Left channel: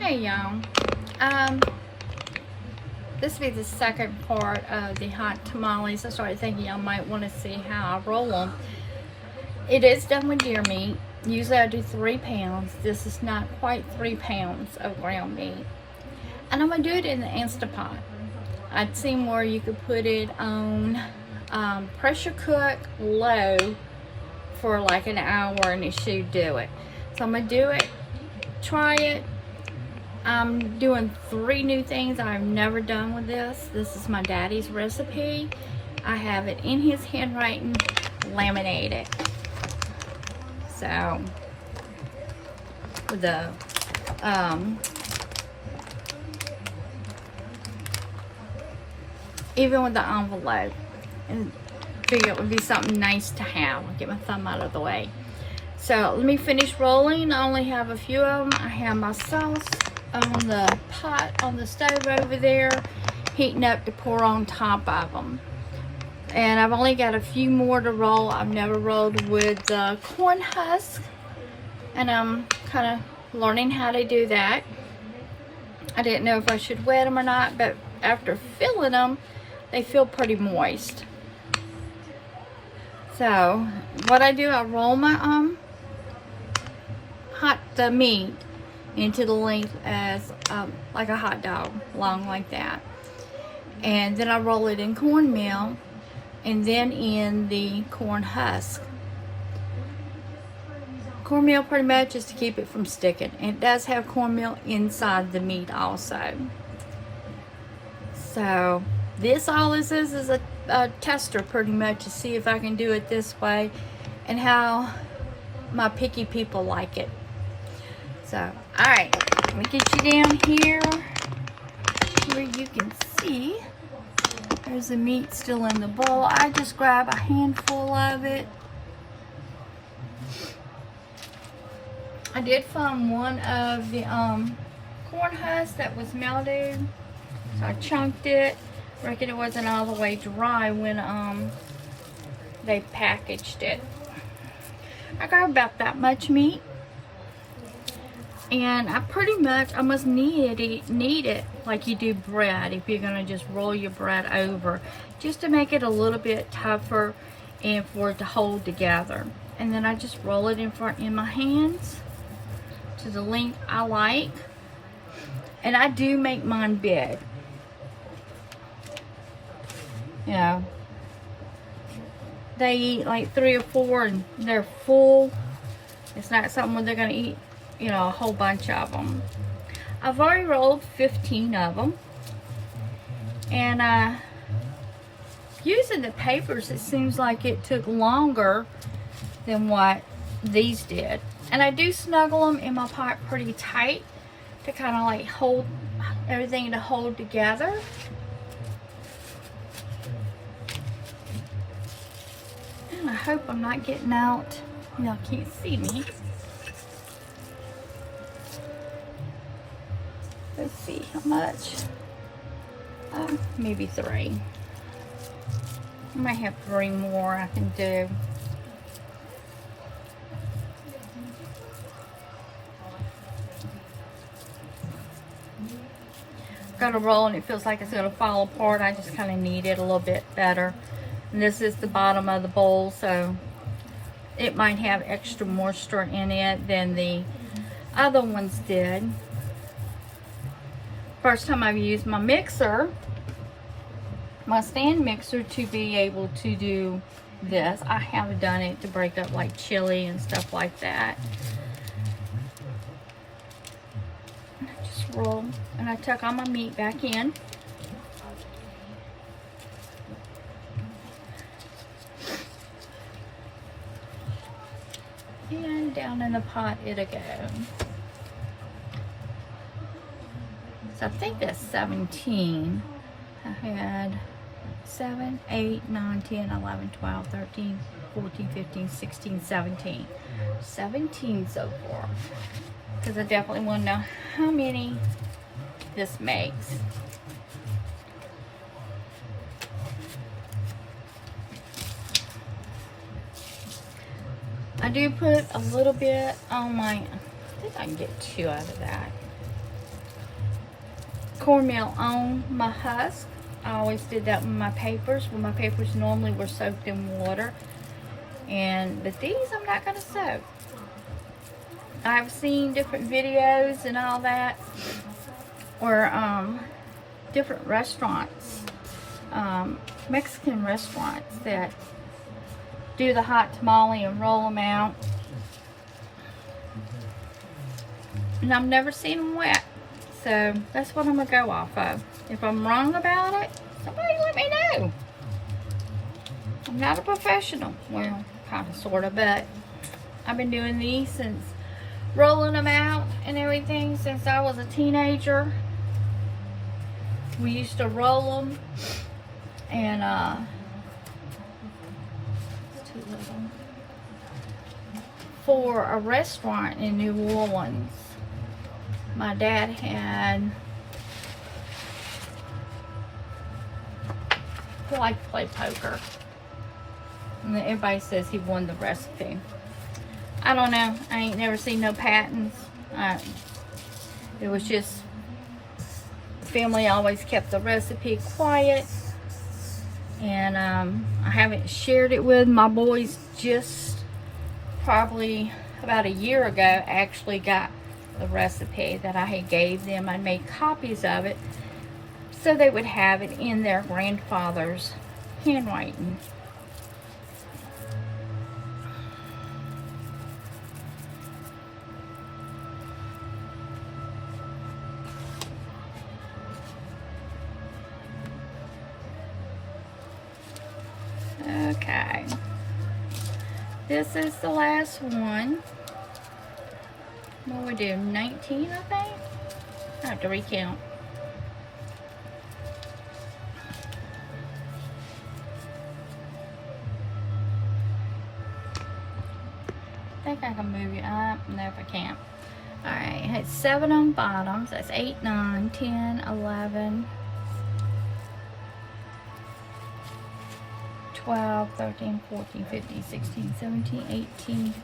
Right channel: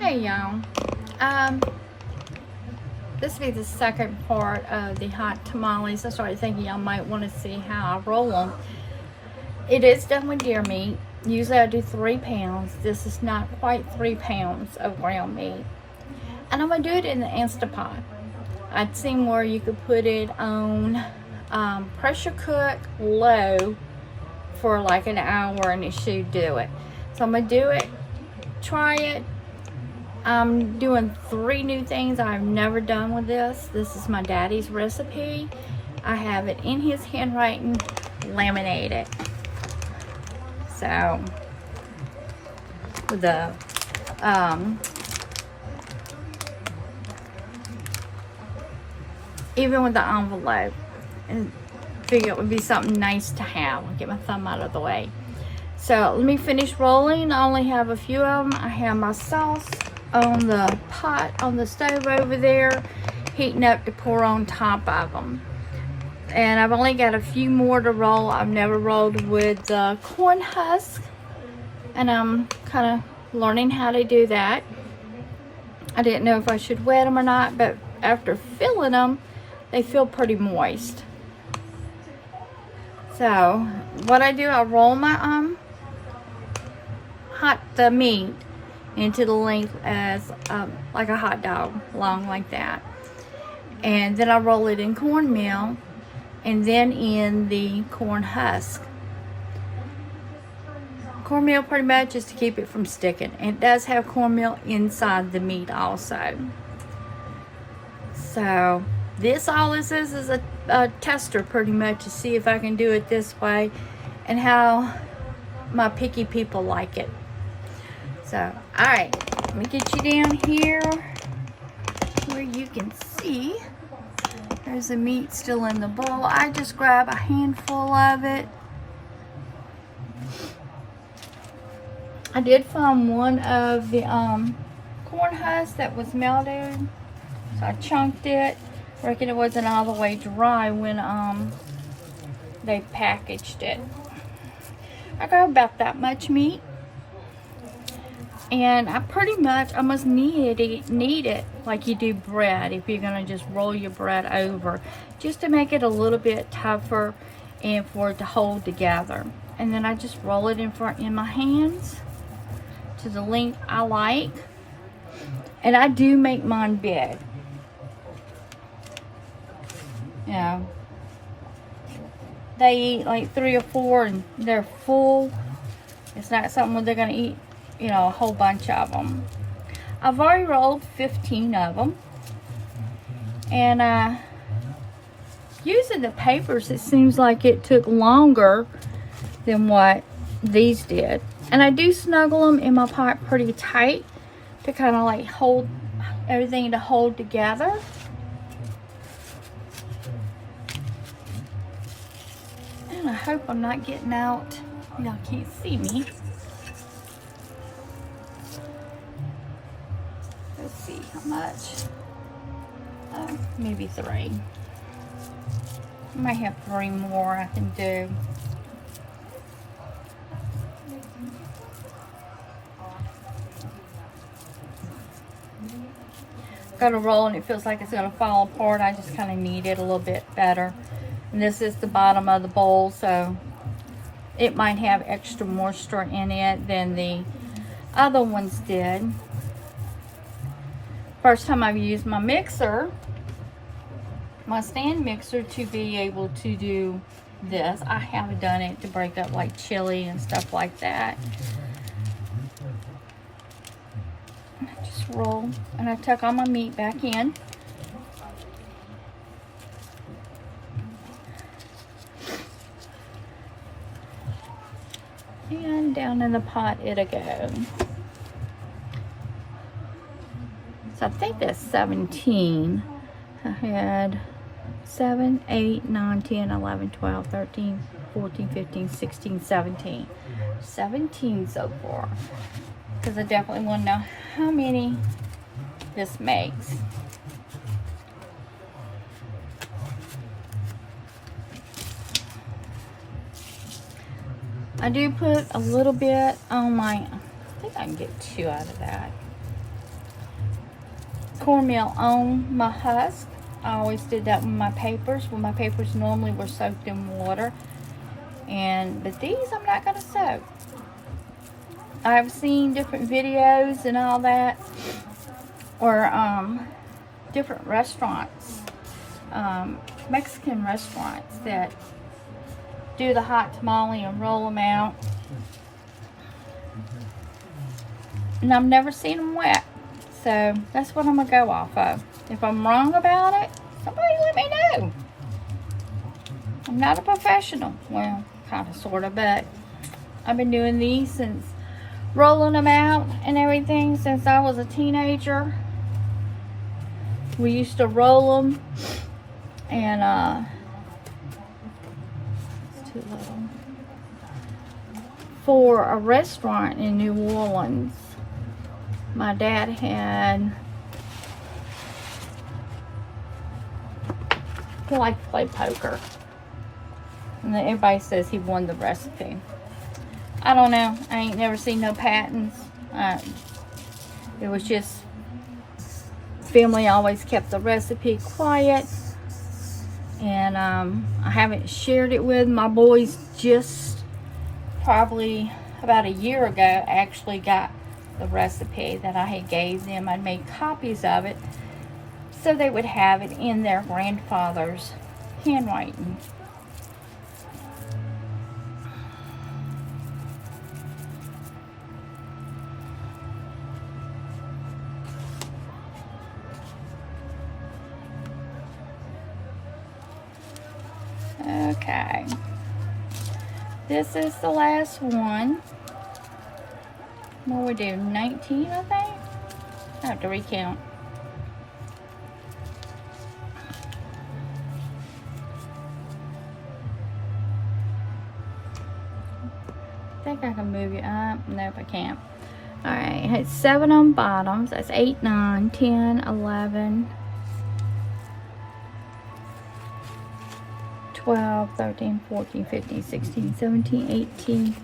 Hey y'all. This will be the second part of the hot tamales. I started thinking y'all might want to see how I roll them. It is done with deer meat. Usually I do 3 pounds. This is not quite 3 pounds of ground meat. And I'm going to do it in the Instapot. I'd seen where you could put it on pressure cook low for like an hour and it should do it. So I'm going to do it, try it. I'm doing 3 new things I've never done with this. This is my daddy's recipe. I have it in his handwriting, laminated. So, with the even with the envelope, and figure it would be something nice to have. I'll get my thumb out of the way. So let me finish rolling. I only have a few of them. I have my sauce on the pot on the stove over there, heating up to pour on top of them. And I've only got a few more to roll. I've never rolled with the corn husk, and I'm kind of learning how to do that. I didn't know if I should wet them or not, but after filling them, they feel pretty moist. So what I do, I roll my the meat into the length as like a hot dog, long like that, and then I roll it in cornmeal and then in the corn husk. Cornmeal pretty much is to keep it from sticking. And it does have cornmeal inside the meat also. So this, all this is a tester pretty much to see if I can do it this way and how my picky people like it. So, alright, let me get you down here where you can see. There's the meat still in the bowl. I just grab a handful of it. I did find one of the corn husks that was melted, so I chunked it. Reckon it wasn't all the way dry when they packaged it. I got about that much meat, and I pretty much almost knead it like you do bread. If you're gonna just roll your bread over, just to make it a little bit tougher and for it to hold together. And then I just roll it in my hands to the length I like, and I do make mine big. You know, they eat like 3 or 4 and they're full. It's not something where they're gonna eat, you know, a whole bunch of them. I've already rolled 15 of them, and using the papers, it seems like it took longer than what these did. And I do snuggle them in my pot pretty tight to kind of like hold everything to hold together. And I hope I'm not getting out. Y'all can't see me. Let's see how much. Maybe 3. I might have 3 more I can do. Got a roll and it feels like it's going to fall apart. I just kind of knead it a little bit better. And this is the bottom of the bowl, so it might have extra moisture in it than the other ones did. First time I've used my mixer, my stand mixer, to be able to do this. I have done it to break up like chili and stuff like that. Roll, and I tuck all my meat back in. And down in the pot it'll go. So I think that's 17. I had 7, 8, 9, 10, 11, 12, 13, 14, 15, 16, 17. 17 so far. Because I definitely want to know how many this makes. I do put a little bit on my think I can get 2 out of that. Cornmeal on my husk. I always did that with my papers. When my papers normally were soaked in water. But these I'm not gonna soak. I've seen different videos and all that, or different restaurants, Mexican restaurants that do the hot tamale and roll them out. And I've never seen them wet. So that's what I'm gonna go off of. If I'm wrong about it, somebody let me know. I'm not a professional. Well, kind of, sort of, but I've been doing these since rolling them out and everything since I was a teenager. We used to roll them, and it's too little, for a restaurant in New Orleans. My dad had, he liked to play poker, and then everybody says he won the recipe. I don't know. I ain't never seen no patents. It was just, family always kept the recipe quiet, and I haven't shared it with my boys. Just probably about a year ago, actually got the recipe that I had gave them. I made copies of it so they would have it in their grandfather's handwriting. Okay, this is the last one. What we do, 19, I think? I have to recount. I think I can move it up. Nope, I can't. Alright, it's 7 on bottoms. That's 8, 9, 10, 11, 12, 13, 14, 15, 16, 17, 18.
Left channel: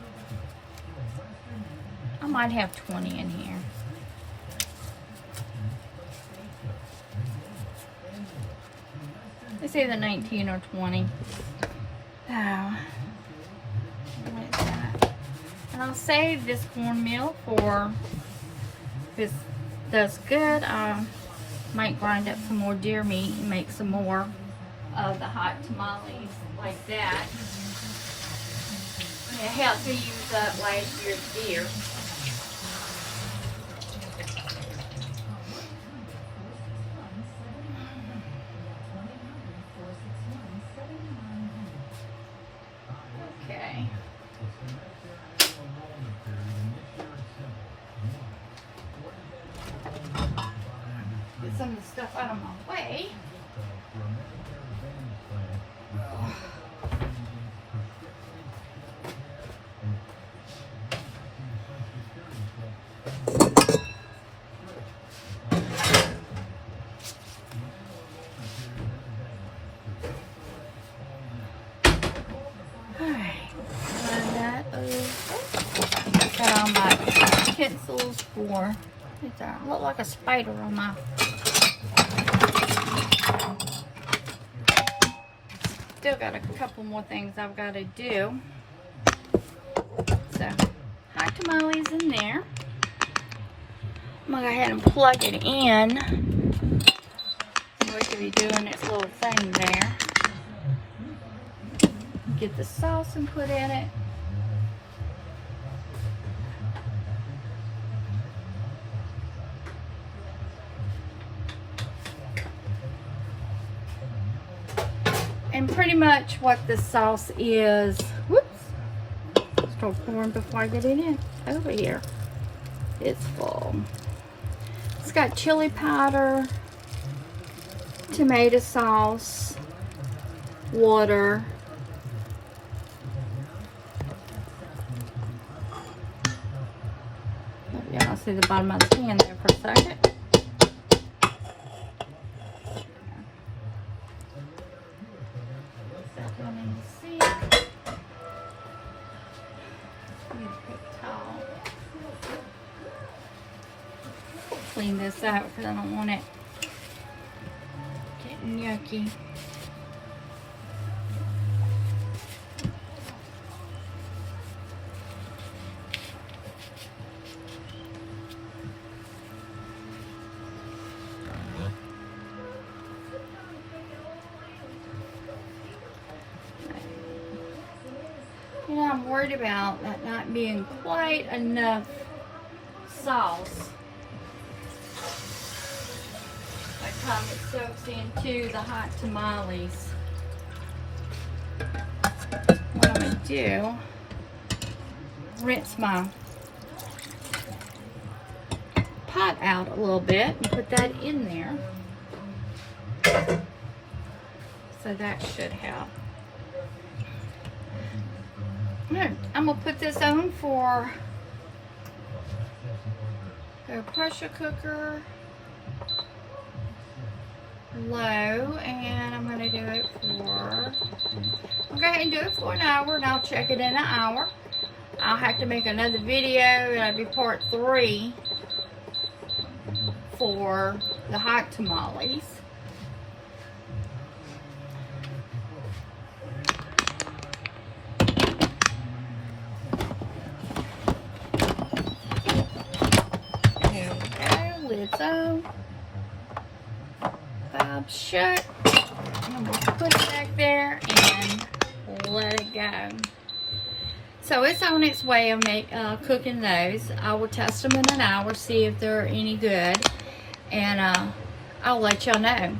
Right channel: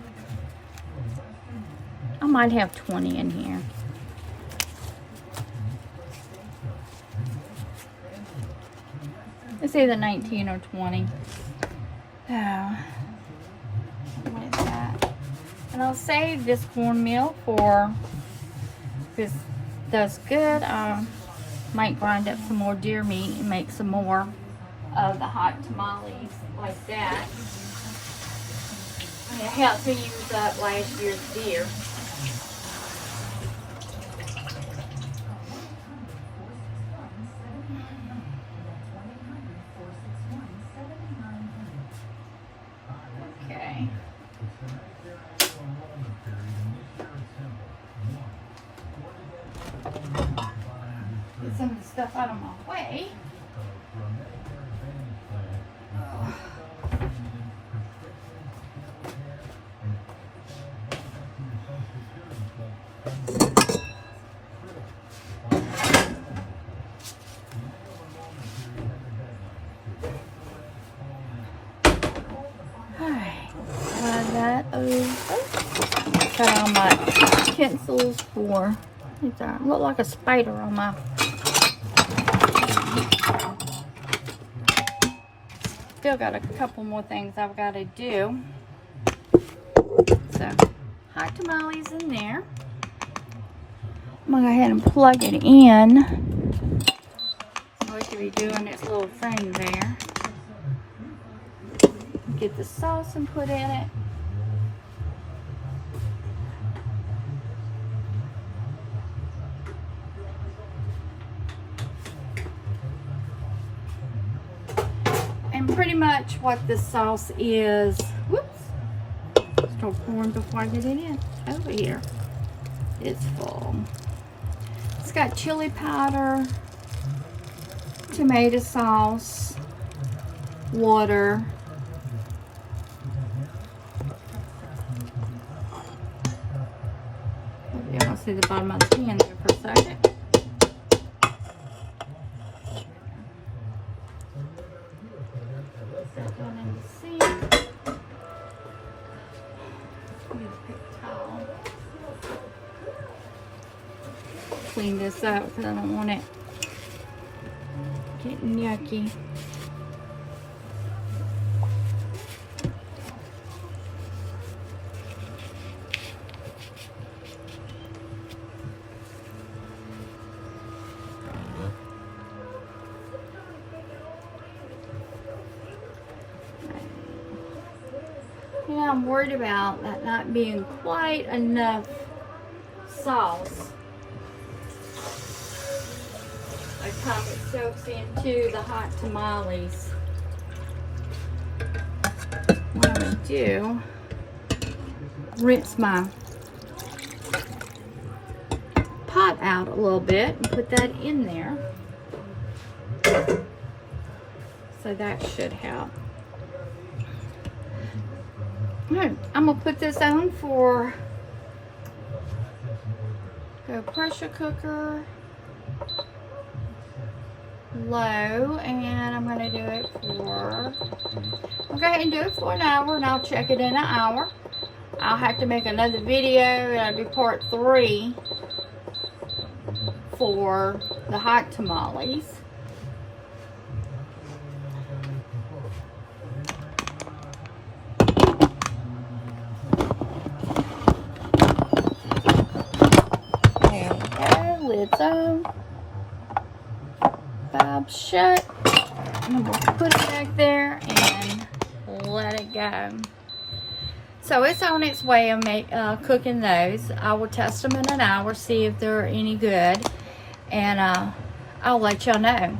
I might have 20 in here. It's either 19 or 20. What is that? And I'll save this cornmeal for, if it does good, I might grind up some more deer meat and make some more of the hot tamales like that. It helped to use up last year's deer. Okay. Get some of the stuff out of my way. Got all my utensils for, look like a spider on my, still got a couple more things I've got to do. So, hot tamales in there. I'm gonna go ahead and plug it in so it can be doing its little thing there. Get the sauce and put in it. And pretty much what this sauce is, whoops, start pouring before I get it in, over here. It's full. It's got chili powder, tomato sauce, water, y'all see the bottom of the pan there for a second. clean this out because I don't want it getting yucky. You know, I'm worried about that not being quite enough sauce by the time it soaks into the hot tamales. What I'm going to do, rinse my pot out a little bit and put that in there. So that should help. I'm going to put this on for the pressure cooker low, and I'm going to do it for, I'll go ahead and do it for an hour, and I'll check it in an hour. I'll have to make another video, and I'll do part 3 for the hot tamales. Lid's on, valve shut, and we'll put it back there and let it go. So it's on its way of cooking those. I will test them in an hour, see if they're any good, and I'll let y'all know.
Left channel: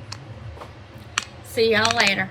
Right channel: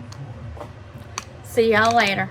See y'all later.